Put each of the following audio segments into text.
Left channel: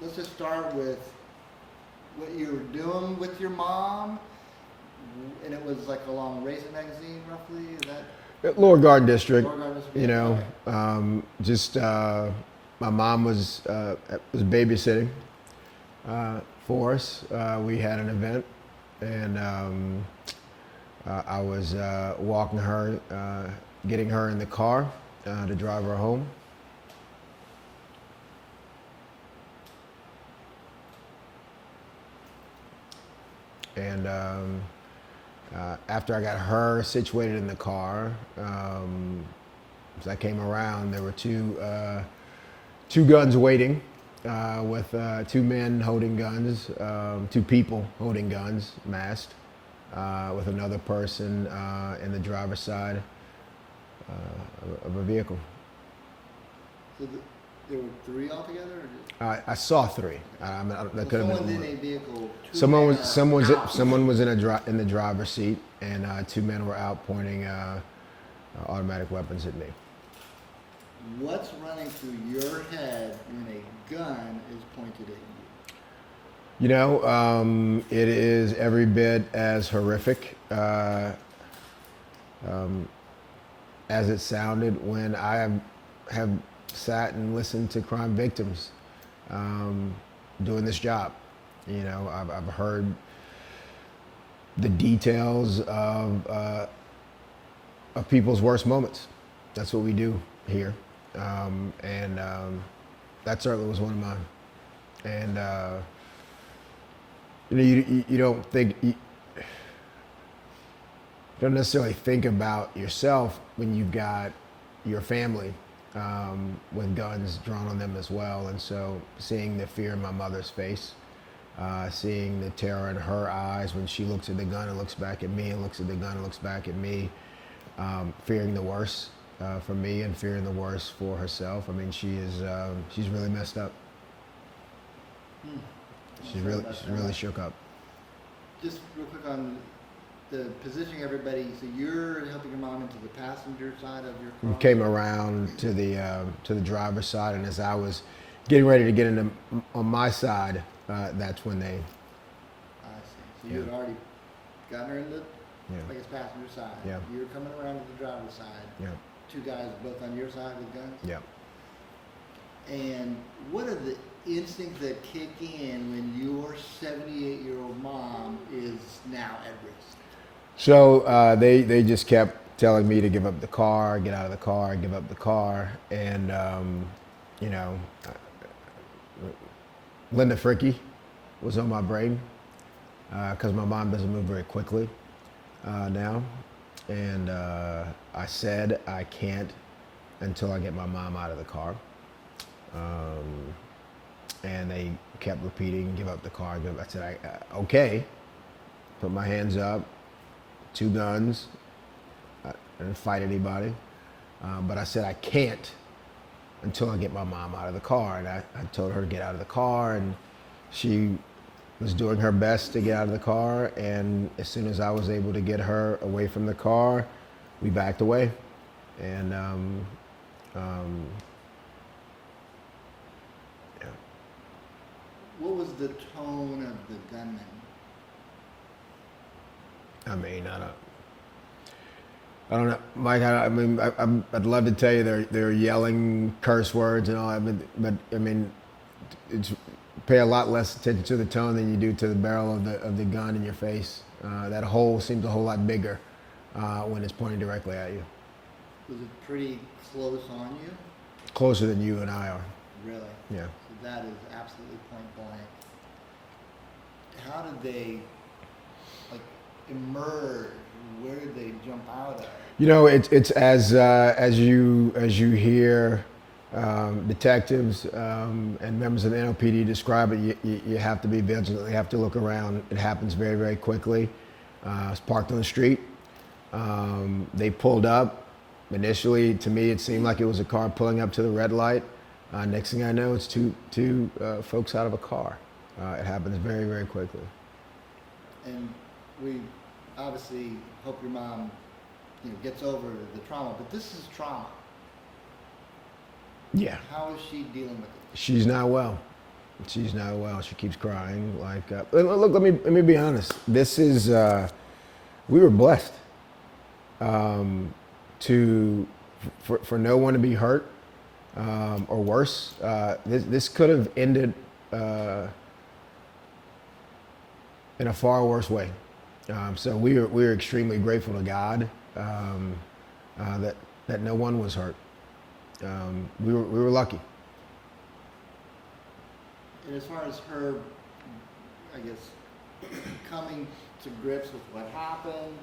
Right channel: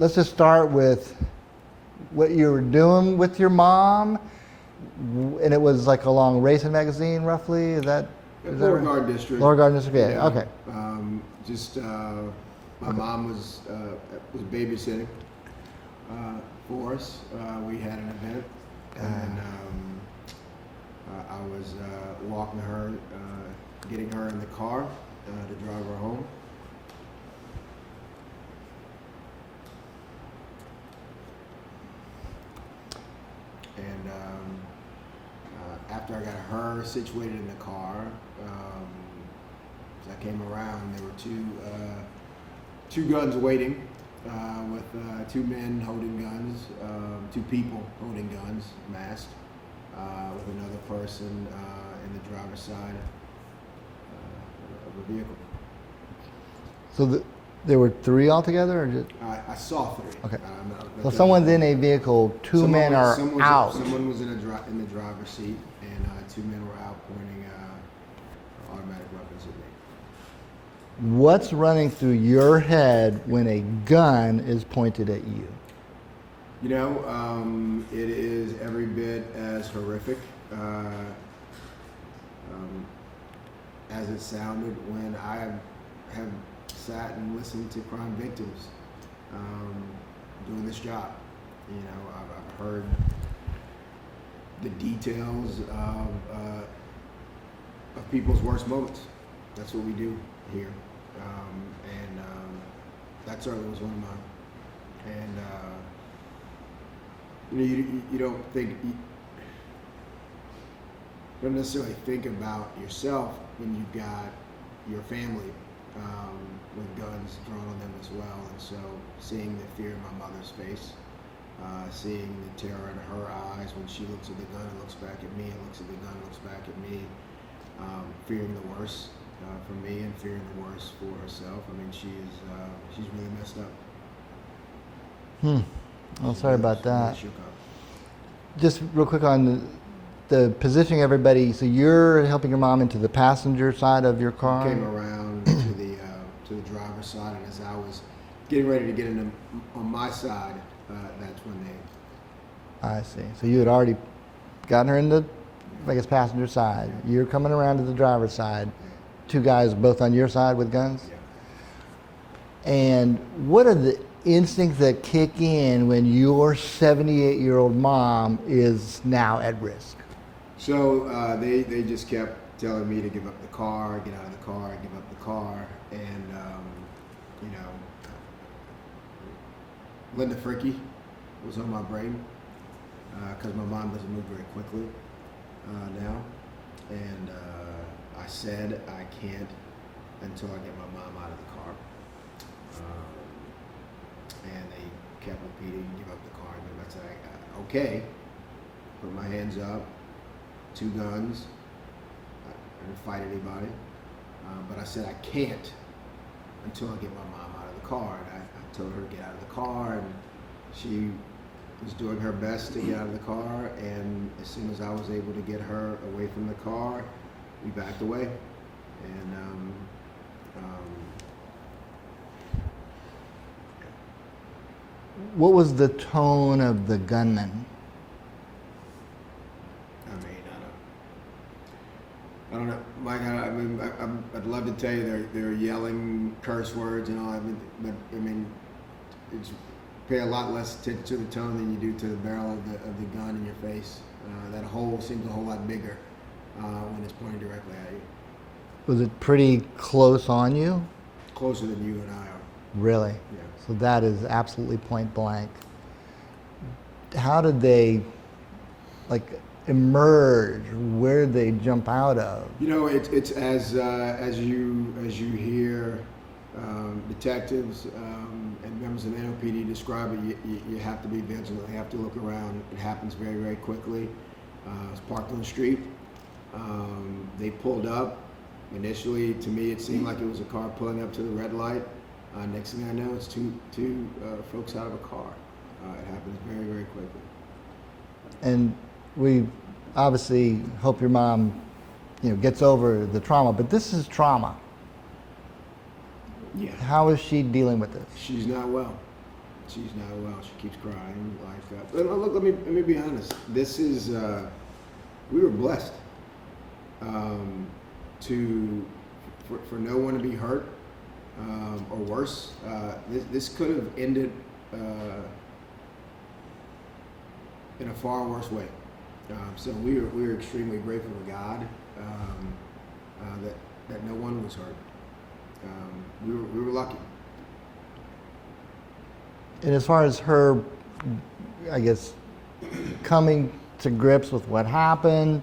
let's just start with what you were doing with your mom, and it was like along Racing Magazine, roughly. Is that Lower Garden District? Lower Garden District? Yeah. You know, Okay. My mom was babysitting for us. We had an event, and I was walking her, getting her in the car to drive her home. And after I got her situated in the car, as I came around, there were two guns waiting, with two men holding guns, two people holding guns, masked, with another person in the driver's side of a vehicle. So there were three altogether, or just? I saw three. Okay. So someone's in a vehicle. Two men are out. Someone was in the driver's seat, and two men were out pointing automatic weapons at me. What's running through your head when a gun is pointed at you? You know, it is every bit as horrific as it sounded when I have sat and listened to crime victims doing this job. You know, I've heard the details of people's worst moments. That's what we do here, and that certainly was one of mine. And you know, you don't think, you don't necessarily think about yourself when you've got your family with guns drawn on them as well. And so seeing the fear in my mother's face, seeing the terror in her eyes when she looks at the gun and looks back at me, and looks at the gun and looks back at me, fearing the worst for me and fearing the worst for herself. I mean, she's really messed up. Oh, sorry about that. Really shook up. Just real quick on the positioning everybody. So you're helping your mom into the passenger side of your car? We came around to the driver's side, and as I was getting ready to get into on my side, that's when they. I see. So you had already gotten her in the, I guess, passenger side. Yeah. You're coming around to the driver's side. Yeah. Two guys both on your side with guns? Yeah. And what are the instincts that kick in when your 78-year-old mom is now at risk? So they just kept telling me to give up the car, get out of the car, give up the car, and you know, Linda Fricky was on my brain because my mom doesn't move very quickly now, and I said I can't until I get my mom out of the car, and they kept repeating, give up the car, give up. I said, okay, put my hands up. Two guns. I didn't fight anybody, but I said I can't until I get my mom out of the car. And I told her to get out of the car, and she was doing her best to get out of the car. And as soon as I was able to get her away from the car, we backed away. And What was the tone of the gunman? I mean, I don't know, Mike. I'd love to tell you they're yelling curse words and all that, but I mean, it's pay a lot less attention to the tone than you do to the barrel of the gun in your face. That hole seems a whole lot bigger when it's pointing directly at you. Was it pretty close on you? Closer than you and I are. Really? Yeah. So that is absolutely point blank. How did they, like, emerge? Where did they jump out of? You know, it's as you hear detectives and members of the NOPD describe it, you have to be vigilant. You have to look around. It happens very, very quickly. It's parked on the street. They pulled up. Initially, to me, it seemed like it was a car pulling up to the red light. Next thing I know, it's two folks out of a car. It happens very, very quickly. And we obviously hope your mom, gets over the trauma, but this is trauma. Yeah. How is she dealing with this? She's not well. She's not well. She keeps crying. Look, let me be honest. This is we were blessed for no one to be hurt or worse. This could have ended in a far worse way. So we were extremely grateful to God that no one was hurt. We were lucky. And as far as her, I guess, coming to grips with what happened,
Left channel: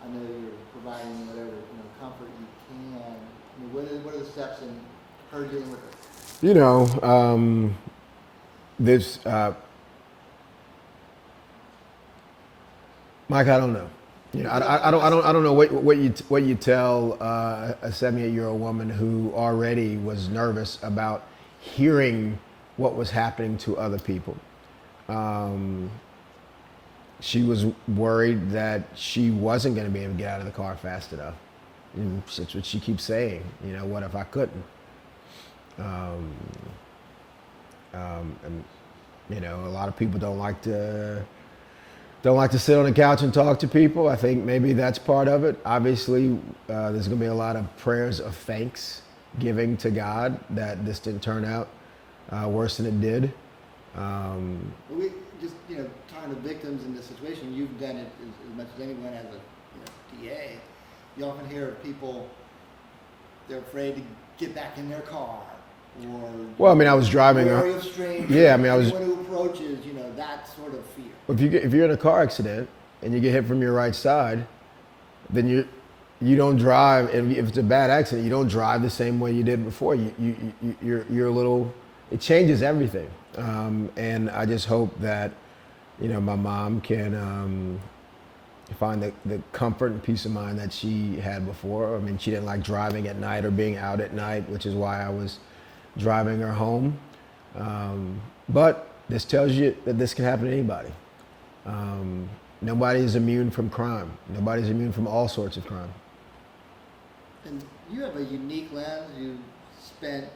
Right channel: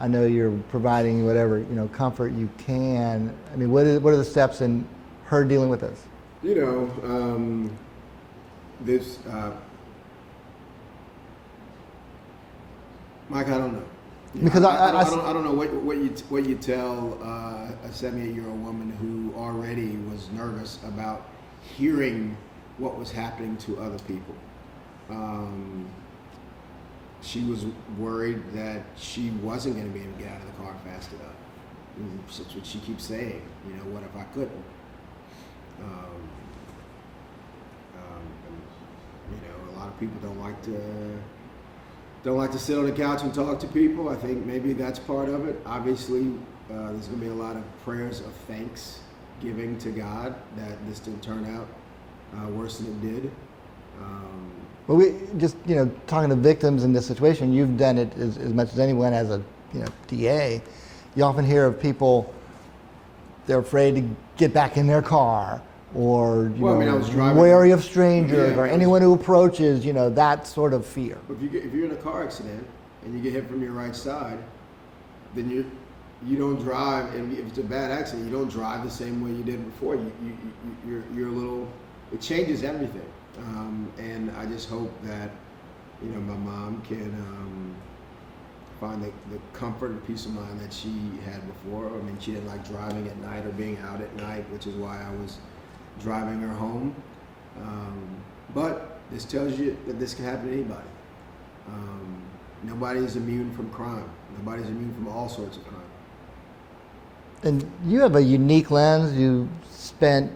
I know you're providing whatever comfort you can. I mean, what are the steps in her dealing with this? This, Mike, I don't know. Because I don't know what you tell a 78-year-old woman who already was nervous about hearing what was happening to other people. She was worried that she wasn't going to be able to get out of the car fast enough. And that's what she keeps saying. What if I couldn't? And a lot of people don't like to sit on the couch and talk to people. I think maybe that's part of it. Obviously, there's going to be a lot of prayers of thanks giving to God that this didn't turn out worse than it did. Well, we just talking to victims in this situation. You've done it as much as anyone as a DA. You often hear of people, they're afraid to get back in their car, or I was driving. Wary of strangers. Yeah, or anyone who approaches. That sort of fear. If you're in a car accident and you get hit from your right side, then you don't drive. If it's a bad accident, you don't drive the same way you did before. You're a little. It changes everything. And I just hope that, my mom can find the comfort and peace of mind that she had before. I mean, she didn't like driving at night or being out at night, which is why I was driving her home. But this tells you that this can happen to anybody. Nobody is immune from crime. Nobody's immune from all sorts of crime. And you have a unique lens. You spent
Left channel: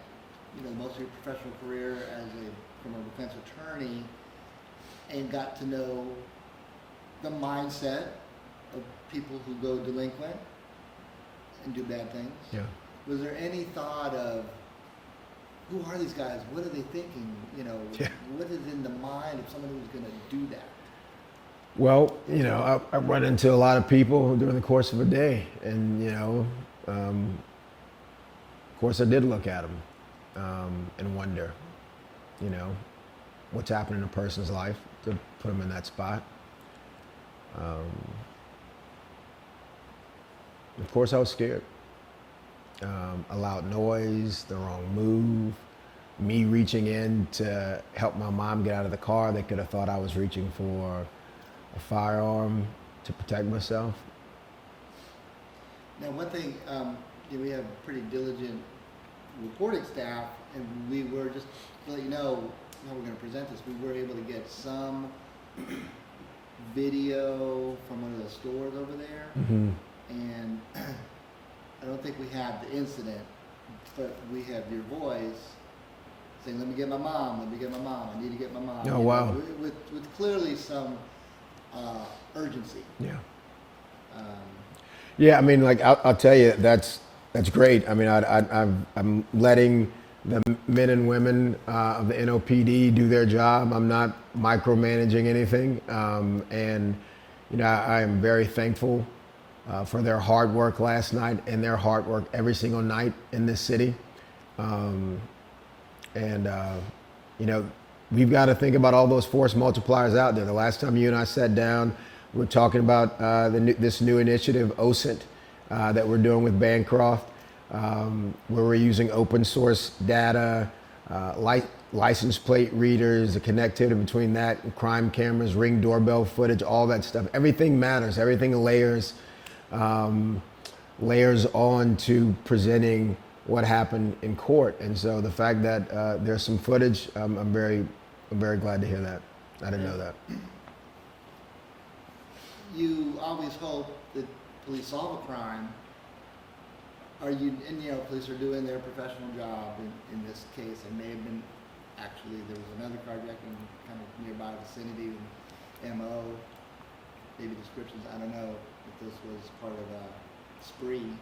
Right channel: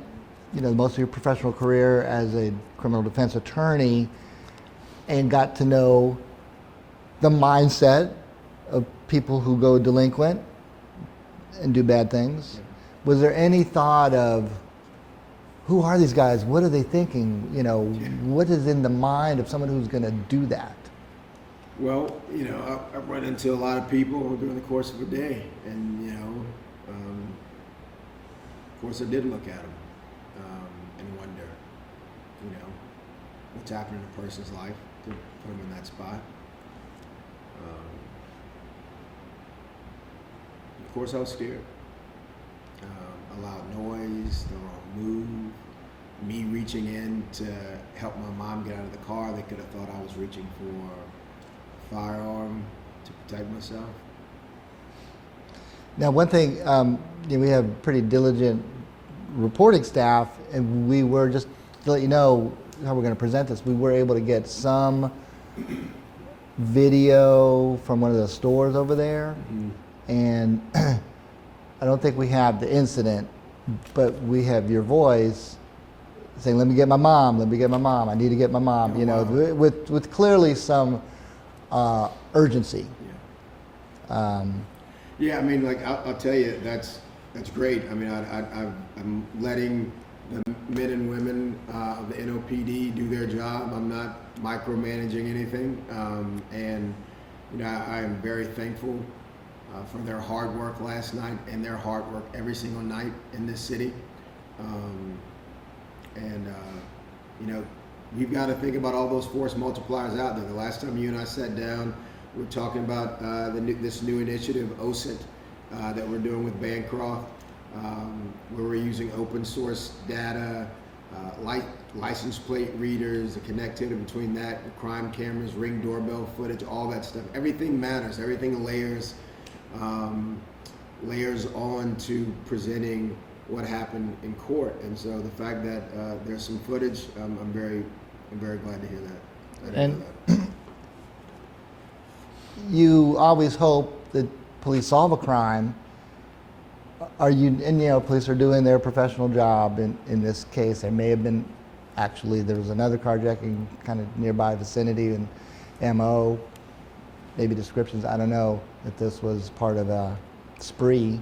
most of your professional career as a criminal defense attorney and got to know the mindset of people who go delinquent and do bad things. Yeah. Was there any thought of, who are these guys? What are they thinking? What is in the mind of someone who's going to do that? Well, I run into a lot of people during the course of a day, and of course I did look at them and wonder, what's happening in a person's life to put them in that spot. Of course I was scared. A loud noise, the wrong move, me reaching in to help my mom get out of the car. They could have thought I was reaching for a firearm to protect myself. Now, one thing, we have pretty diligent reporting staff, and we were, just to let you know how we're going to present this, we were able to get some video from one of the stores over there. Mm-hmm. And I don't think we have the incident, but we have your voice saying, let me get my mom, I need to get my mom, oh, wow. with clearly some urgency. Yeah. Yeah, I mean, I'll tell you, that's great. I mean, I'm letting the men and women of the NOPD do their job. I'm not micromanaging anything. And, I am very thankful for their hard work last night and their hard work every single night in this city. We've got to think about all those force multipliers out there. The last time you and I sat down, we were talking about this new initiative, OSINT, that we're doing with Bancroft, where we're using open source data, license plate readers, the connectivity between that, crime cameras, Ring doorbell footage, all that stuff. Everything matters. Everything layers on to presenting what happened in court. And so the fact that there's some footage, I'm very glad to hear that. I didn't know that. You always hope that police solve a crime. Police are doing their professional job in this case. There may have been actually there was another carjacking kind of nearby vicinity and MO, maybe descriptions, I don't know if this was part of a spree,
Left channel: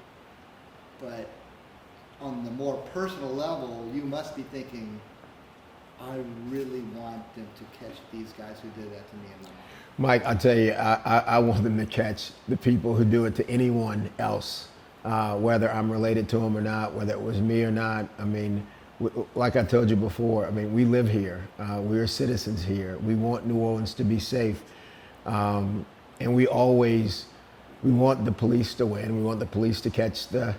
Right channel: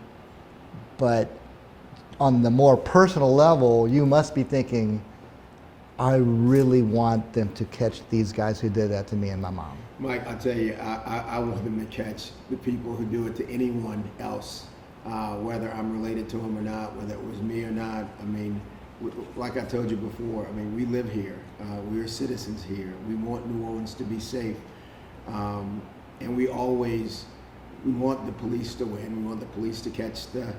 but on the more personal level, you must be thinking, I really want them to catch these guys who did that to me and my mom. Mike, I tell you, I want them to catch the people who do it to anyone else, whether I'm related to them or not, whether it was me or not. I mean, like I told you before, I mean, we live here. We're citizens here. We want New Orleans to be safe. And we want the police to win. We want the police to catch the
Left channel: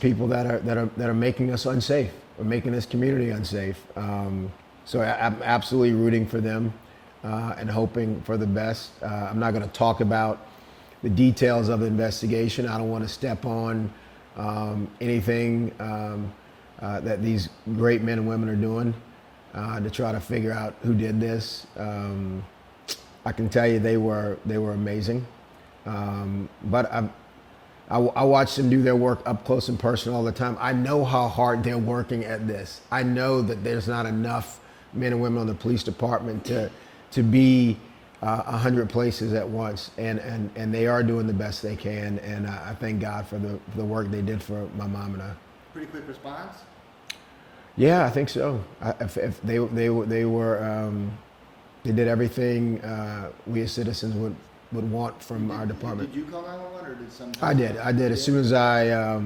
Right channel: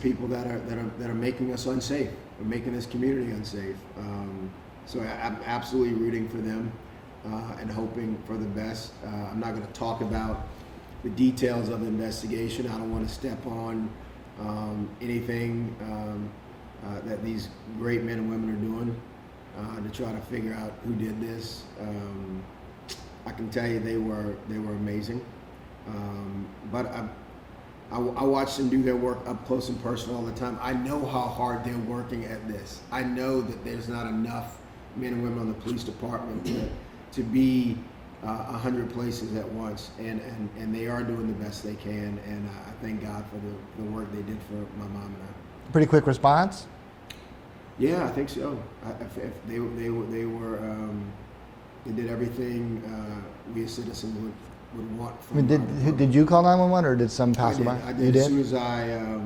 people that are making us unsafe, or making this community unsafe. So I'm absolutely rooting for them and hoping for the best. I'm not going to talk about the details of the investigation. I don't want to step on anything that these great men and women are doing to try to figure out who did this. I can tell you they were amazing, but I watch them do their work up close and personal all the time. I know how hard they're working at this. I know that there's not enough men and women on the police department to be 100 places at once, and they are doing the best they can. And I thank God for the work they did for my mom and I. Pretty quick response? Yeah, I think so. If they did everything we as citizens would want from our department. Did you call 911 or did some I did. passerby? I did. As soon as I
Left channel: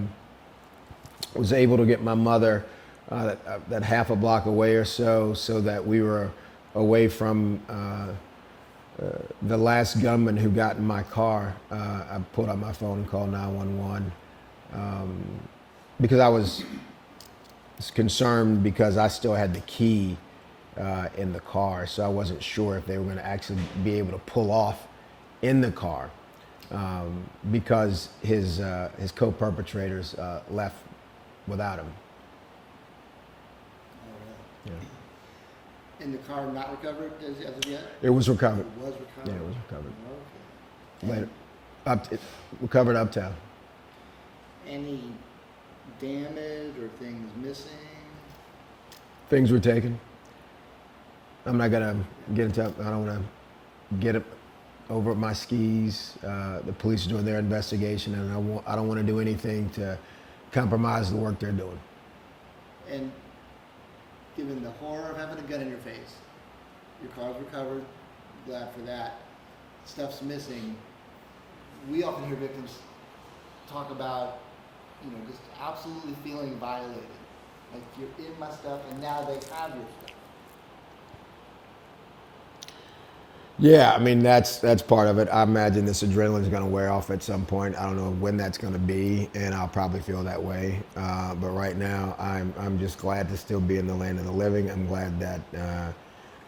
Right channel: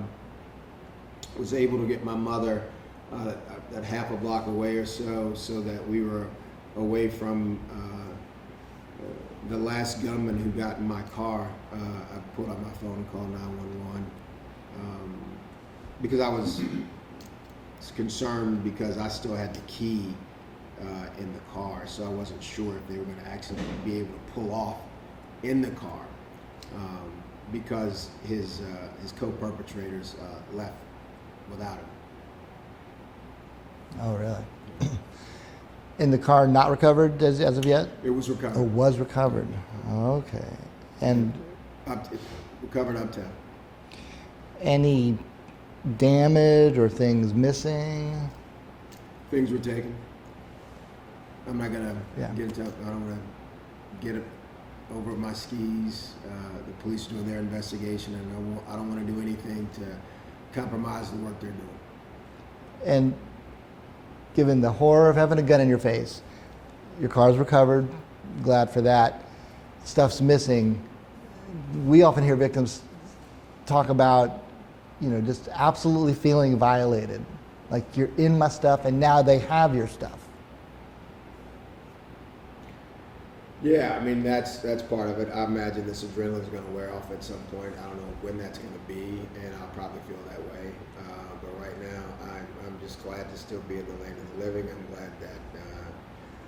was able to get my mother that half a block away or so that we were away from the last gunman who got in my car, I pulled out my phone and called 911 because I was concerned because I still had the key in the car, so I wasn't sure if they were going to actually be able to pull off in the car because his co-perpetrators left without him. Oh, really? Yeah. In the car not recovered as of yet? It was recovered. It was recovered. Okay. And recovered uptown. Any damage or things missing? Things were taken. I'm not gonna get into. I don't want to get it over my skis. The police are doing their investigation, and I don't want to do anything to compromise the work they're doing. And given the horror of having a gun in your face, your car's recovered, glad for that, stuff's missing. We often hear victims talk about, just absolutely feeling violated. Like, you're in my stuff and now they have your stuff. Yeah, I mean, that's part of it. I imagine this adrenaline is going to wear off at some point. I don't know when that's going to be, and I'll probably feel that way. But right now, I'm just glad to still be in the land of the living. I'm glad that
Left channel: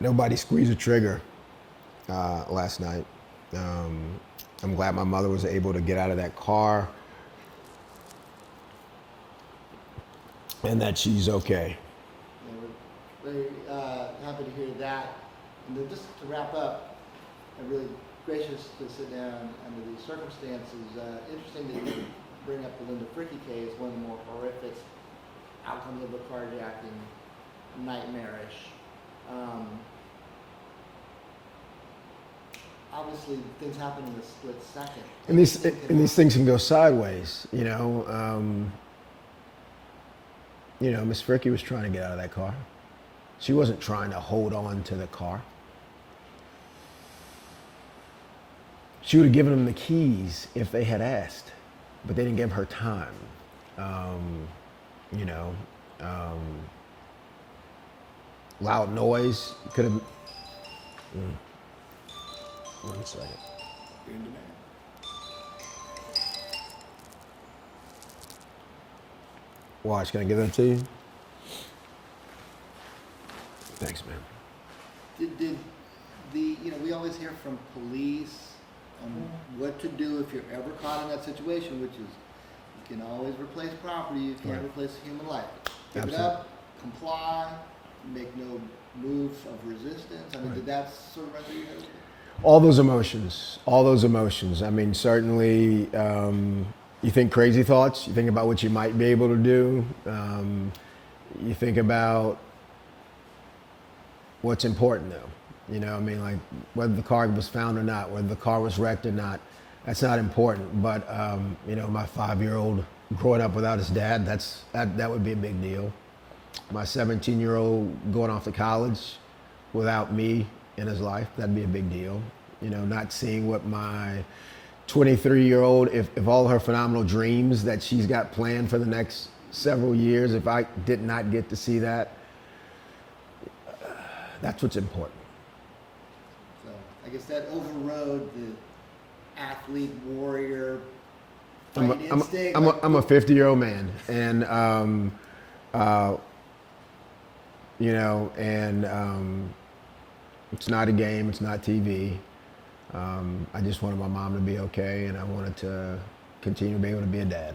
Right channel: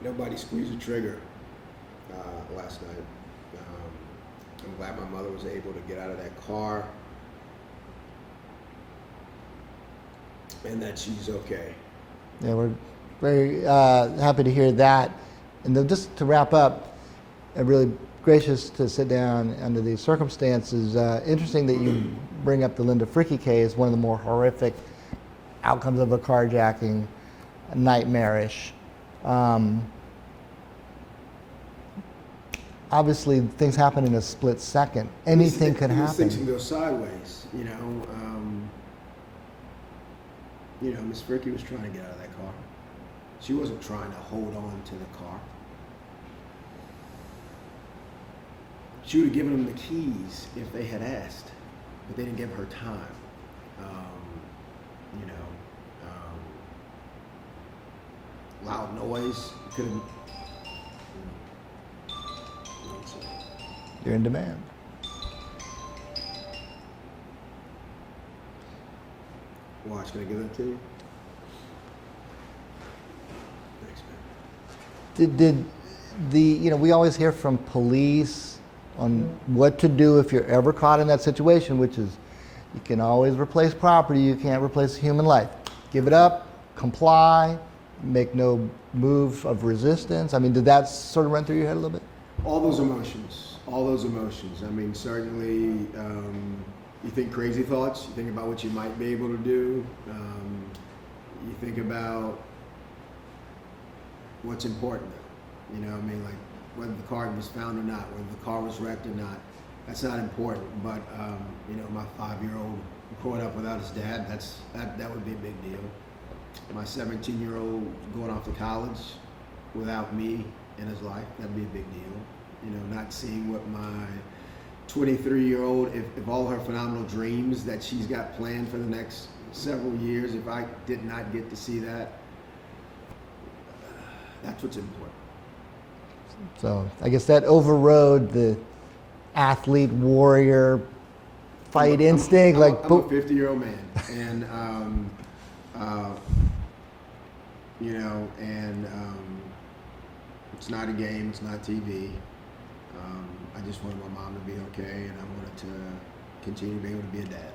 nobody squeezed a trigger last night. I'm glad my mother was able to get out of that car and that she's okay. Yeah, we're very happy to hear that. And then just to wrap up, I'm really gracious to sit down under these circumstances. Interesting that you bring up the Linda Fricky case, one of the more horrific outcomes of a carjacking, nightmarish. Obviously, things happen in a split second. Anything could happen. These things can go sideways, Miss Fricky was trying to get out of that car. She wasn't trying to hold on to the car. She would have given them the keys if they had asked, but they didn't give her time. Loud noise could have. One second. You're in demand. Watch, can I give that to you? Thanks, man. Did we always hear from police on what to do if you're ever caught in that situation, which is you can always replace property, you can't replace human life. Give it up, comply, make no move of resistance. I mean, did that sort of run through your head a little bit? All those emotions. I mean, certainly you think crazy thoughts, you think about what you might be able to do, you think about what's important though. You know, I mean, like whether the car was found or not, whether the car was wrecked or not, that's not important. But you know, my 5-year-old growing up without his dad, that would be a big deal. My 17-year-old going off to college without me in his life, that'd be a big deal. You know, not seeing what my 23-year-old, if all her phenomenal dreams that she's got planned for the next several years, if I did not get to see that, that's what's important. So I guess that overrode the athlete, warrior, fight instinct. I'm like, a 50-year-old man, and you know, and it's not a game, it's not TV. I just wanted my mom to be okay, and I wanted to continue to be able to be a dad.